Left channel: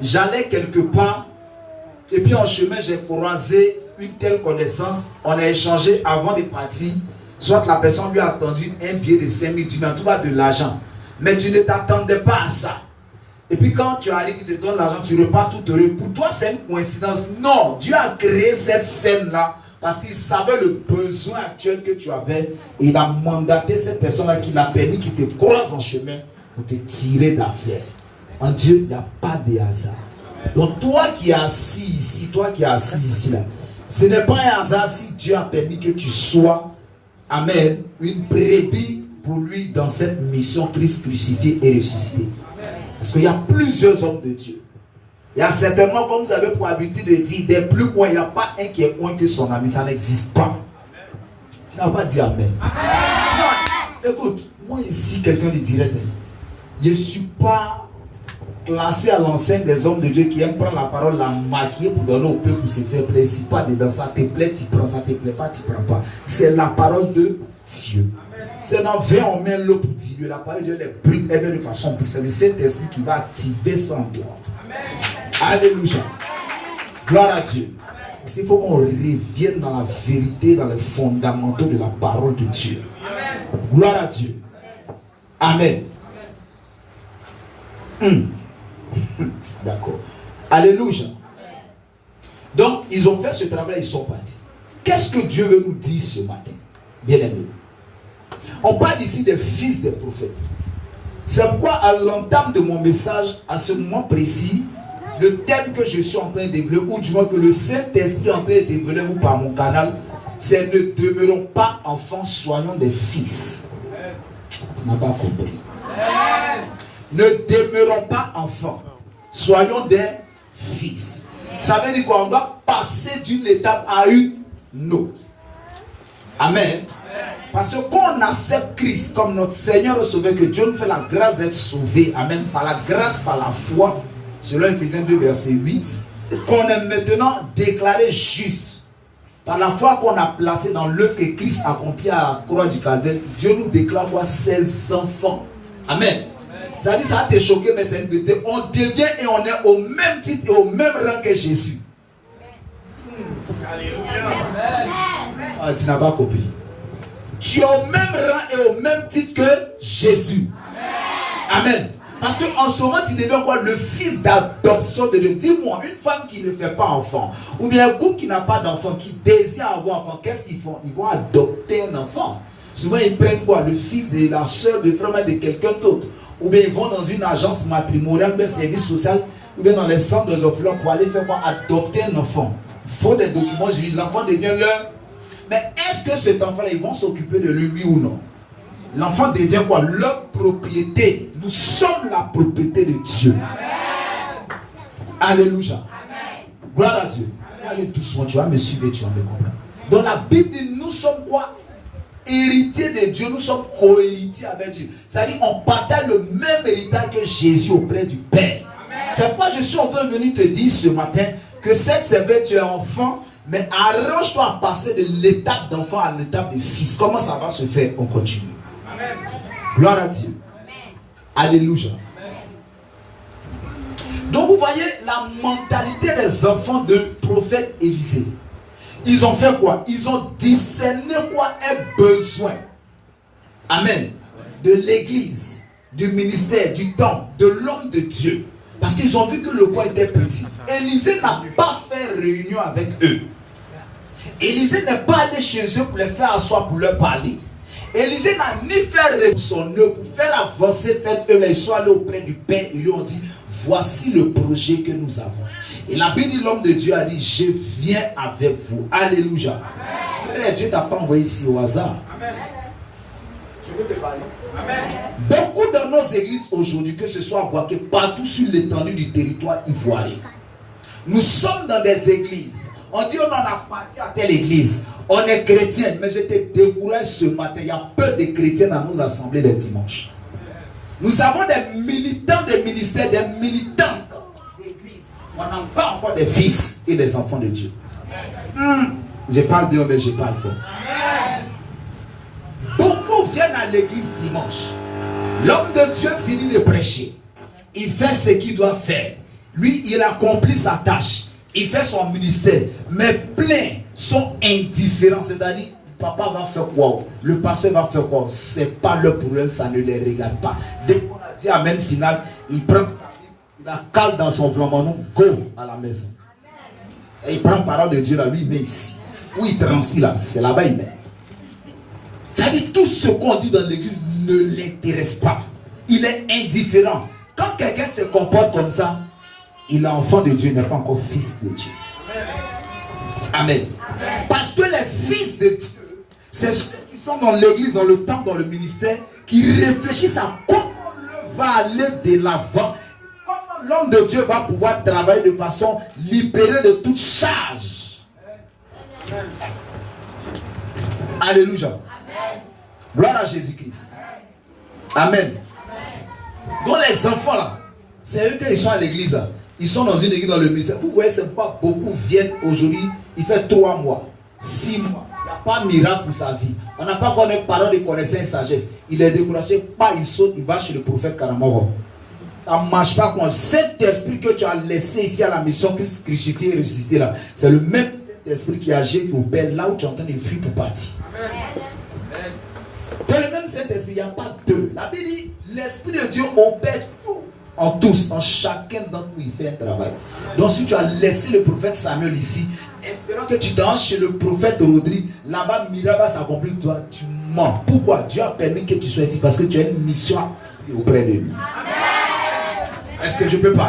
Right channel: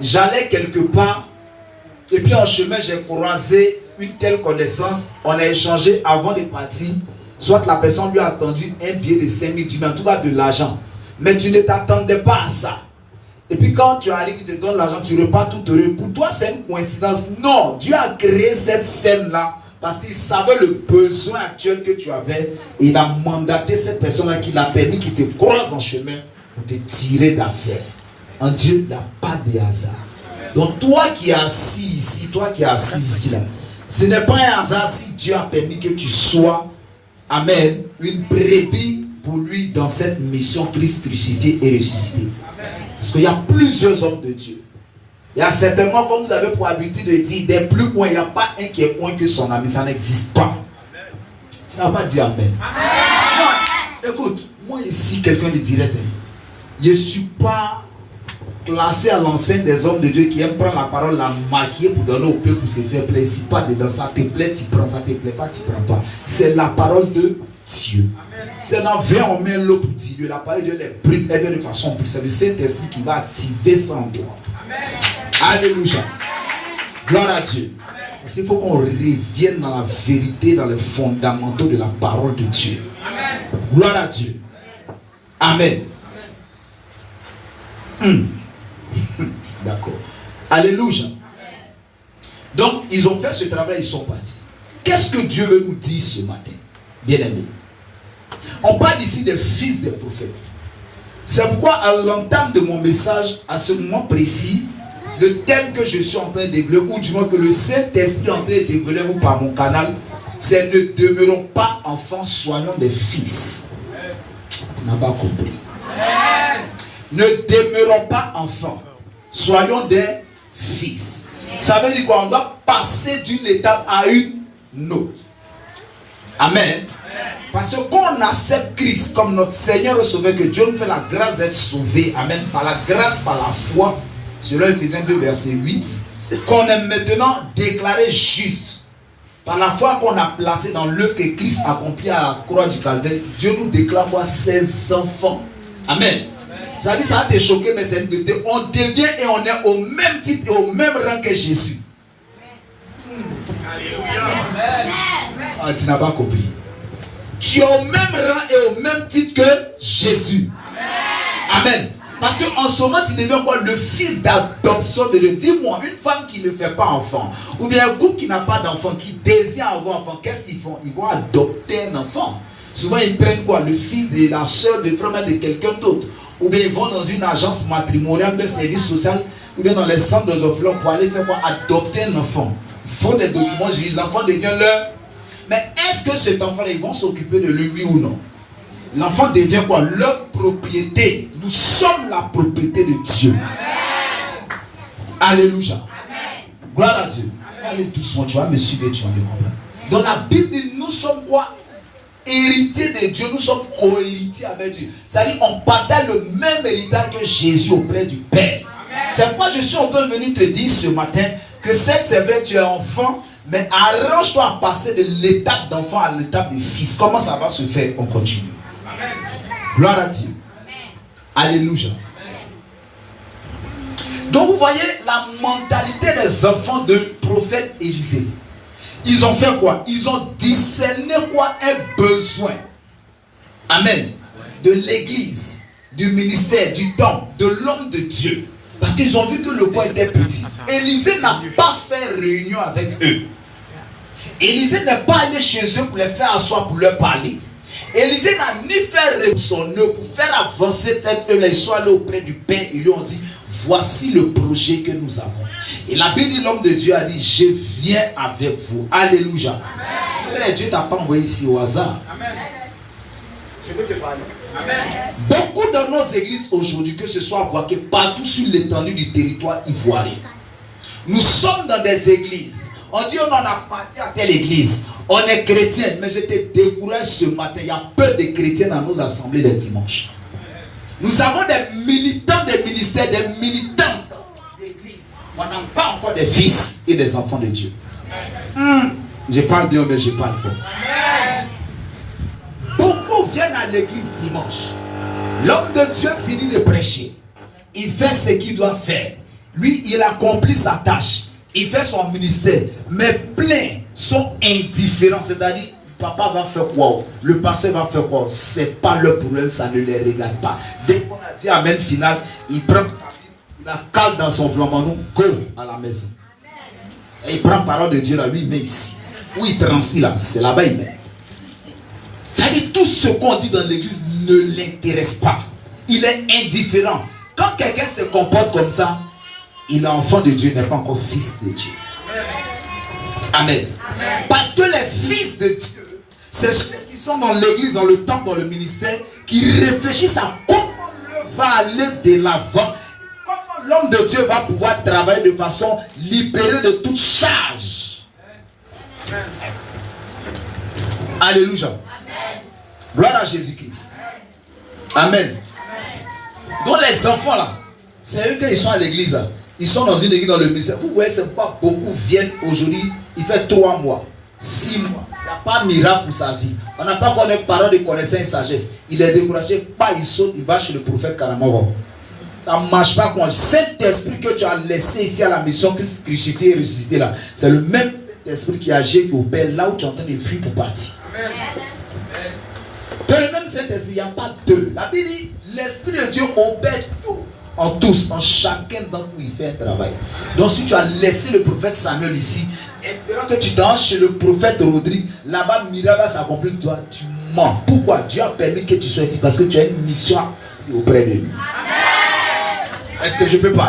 j'allais quelque part, et puis en chemin, j'ai croisé une telle connaissance. On a échangé avant de partir. Soit la personne lui a tendu un billet de 5 000, tu mets en tout cas de l'argent. Mais tu ne t'attendais pas à ça. Et puis quand tu arrives, il te donne l'argent, tu repars tout heureux. Pour toi, c'est une coïncidence. Non, Dieu a créé cette scène-là parce qu'il savait le besoin actuel que tu avais. Et il a mandaté cette personne-là qui l'a permis, qui te croise en chemin pour te tirer d'affaire. En Dieu, il n'y a pas de hasard. Donc toi qui es assis ici, toi qui es assis ici là, ce n'est pas un hasard si Dieu a permis que tu sois, amen, une brebis pour lui dans cette mission Christ crucifié et ressuscité. Parce qu'il y a plusieurs hommes de Dieu. Il y a certainement, comme vous avez pour habitude de dire, des plus moins, il n'y a pas un qui est moins que son ami. Ça n'existe pas. Tu n'as pas dit amen. Non, écoute, moi ici, quelqu'un de direct, je ne suis pas classé à l'enseigne des hommes de Dieu qui aiment prendre la parole, la maquiller pour donner au peuple pour se faire plaisir. Si pas dedans, ça te plaît, tu prends, ça te plaît pas, tu prends pas. C'est la parole de Dieu. C'est dans 20, on met l'eau pour Dieu. La parole de Dieu est brûle, elle vient de façon brûle. C'est le Saint-Esprit qui va activer ça en toi. Alléluia. Gloire à Dieu. Il faut qu'on revienne dans la vérité, dans les fondamentaux de la parole de Dieu. Gloire à Dieu. Amen. D'accord. Alléluia. Donc, ils ont fait ce travail, ils sont partis. Qu'est-ce que Dieu veut nous dire ce matin, bien-aimés? On parle ici des fils des prophètes. C'est pourquoi, à l'entame de mon message, à ce moment précis, le thème que je suis en train de développer, ou du moins que le Saint-Esprit est en train de développer par mon canal, c'est ne demeurons pas enfants, soyons des fils. Tu n'as pas compris. Ne demeurons pas enfants, soyons des fils. Ça veut dire qu'on doit passer d'une étape à une autre. Amen. Parce que quand on accepte Christ comme notre Seigneur et Sauveur, que Dieu nous fait la grâce d'être sauvés, amen, par la grâce, par la foi, selon Ephésiens 2, verset 8, qu'on est maintenant déclaré juste. Par la foi qu'on a placé dans l'œuvre que Christ a accomplie à la croix du Calvaire, Dieu nous déclare quoi? Ses enfants. Amen. Ça veut dire, ça va te choquer, mais c'est une vérité. On devient et on est au même titre et au même rang que Jésus. Ah, tu n'as pas compris. Tu es au même rang et au même titre que Jésus. Amen. Parce qu'en ce moment, tu deviens quoi? Le fils d'adoption de Dieu. Dis-moi, une femme qui ne fait pas enfant, ou bien un couple qui n'a pas d'enfant, qui désire avoir enfant, qu'est-ce qu'ils font? Ils vont adopter un enfant. Souvent, ils prennent quoi? Le fils de la soeur, de frère de quelqu'un d'autre. Ou bien ils vont dans une agence matrimoniale, un service social, ou bien dans les centres des orphelins pour aller faire quoi? Adopter un enfant. Il faut des documents, j'ai dit, l'enfant devient leur. Mais est-ce que cet enfant-là, ils vont s'occuper de lui, oui ou non? L'enfant devient quoi? Leur propriété. Nous sommes la propriété de Dieu. Amen. Alléluia. Amen. Gloire à Dieu. Allez doucement, tu vas me suivre, tu vas me comprendre. Dans la Bible dit, nous sommes quoi? Héritiers de Dieu, nous sommes co-héritiers avec Dieu. C'est-à-dire on partage le même héritage que Jésus auprès du Père. C'est pourquoi je suis en train de venir te dire ce matin que c'est vrai, tu es enfant, mais arrange-toi à passer de l'étape d'enfant à l'étape de fils. Comment ça va se faire? On continue. Amen. Gloire à Dieu. Amen. Alléluia. Amen. Donc vous voyez la mentalité des enfants de prophète Élisée. Ils ont fait quoi? Ils ont discerné quoi? Un besoin. Amen. De l'église, du ministère, du temps, de l'homme de Dieu. Parce qu'ils ont vu que le coin était petit. Élisée n'a pas fait réunion avec eux. Élisée n'est pas allé chez eux pour les faire asseoir, pour leur parler. Élisée n'a ni fait son œuvre pour faire avancer tête eux. Ils sont allés auprès du Père. Ils lui ont dit, voici le projet que nous avons. Et la Bible dit, l'homme de Dieu a dit, je viens avec vous. Alléluia. Amen. Dieu ne t'a pas envoyé ici au hasard. Amen. Je veux te parler. Amen. Beaucoup dans nos églises aujourd'hui, que ce soit à Boaké, partout sur l'étendue du territoire ivoirien, nous sommes dans des églises. On dit on en a parti à telle église. On est chrétien, mais je te décourage ce matin. Il y a peu de chrétiens dans nos assemblées les dimanches. Nous avons des militants des ministères, des militants d'église. On n'a pas encore des fils et des enfants de Dieu. Je parle d'eux, mais je parle fort. Beaucoup viennent à l'église dimanche. L'homme de Dieu finit de prêcher. Il fait ce qu'il doit faire. Lui, il accomplit sa tâche. Il fait son ministère. Mais plein sont indifférents. C'est-à-dire, papa va faire quoi? Le pasteur va faire quoi? C'est pas leur problème, ça ne les regarde pas. Dès qu'on a dit amen final, il prend sa Bible, il la cale dans son flambeau, go à la maison. Et il prend parole de Dieu là, lui, il met ici. Où il transmet là, c'est là-bas il met. C'est-à-dire, tout ce qu'on dit dans l'église ne l'intéresse pas. Il est indifférent. Quand quelqu'un se comporte comme ça, il est enfant de Dieu, il n'est pas encore fils de Dieu. Amen. Amen. Parce que les fils de Dieu, c'est ceux qui sont dans l'église, dans le temple, dans le ministère, qui réfléchissent à comment l'œuvre va aller de l'avant, comment l'homme de Dieu va pouvoir travailler de façon libérée de toute charge. Amen. Alléluia. Amen. Gloire à Jésus-Christ. Amen. Donc les enfants là, c'est eux qui sont à l'église là. Ils sont dans une église dans le ministère. Vous voyez, c'est pas beaucoup viennent aujourd'hui. Il fait 3 mois, 6 mois. Il n'y a pas de miracle pour sa vie. On n'a pas encore de parole de connaissance et sagesse. Il est découragé, pas il saute, il va chez le prophète Karamoro. Ça ne marche pas comme cet esprit que tu as laissé ici à la mission, Christ crucifié et ressuscité là. C'est le même esprit qui agit au Père là où tu es en train de fuir pour partir. Amen. C'est le même Saint-Esprit, il n'y a pas deux. La Bible dit, l'Esprit de Dieu opère tout. En tous, en chacun d'entre nous, il fait un travail. Donc si tu as laissé le prophète Samuel ici, espérant que tu danses chez le prophète Rodrigue, là-bas, miracle va s'accomplir, toi, tu mens. Pourquoi? Dieu a permis que tu sois ici, parce que tu as une mission auprès de lui. Est-ce que je peux pas?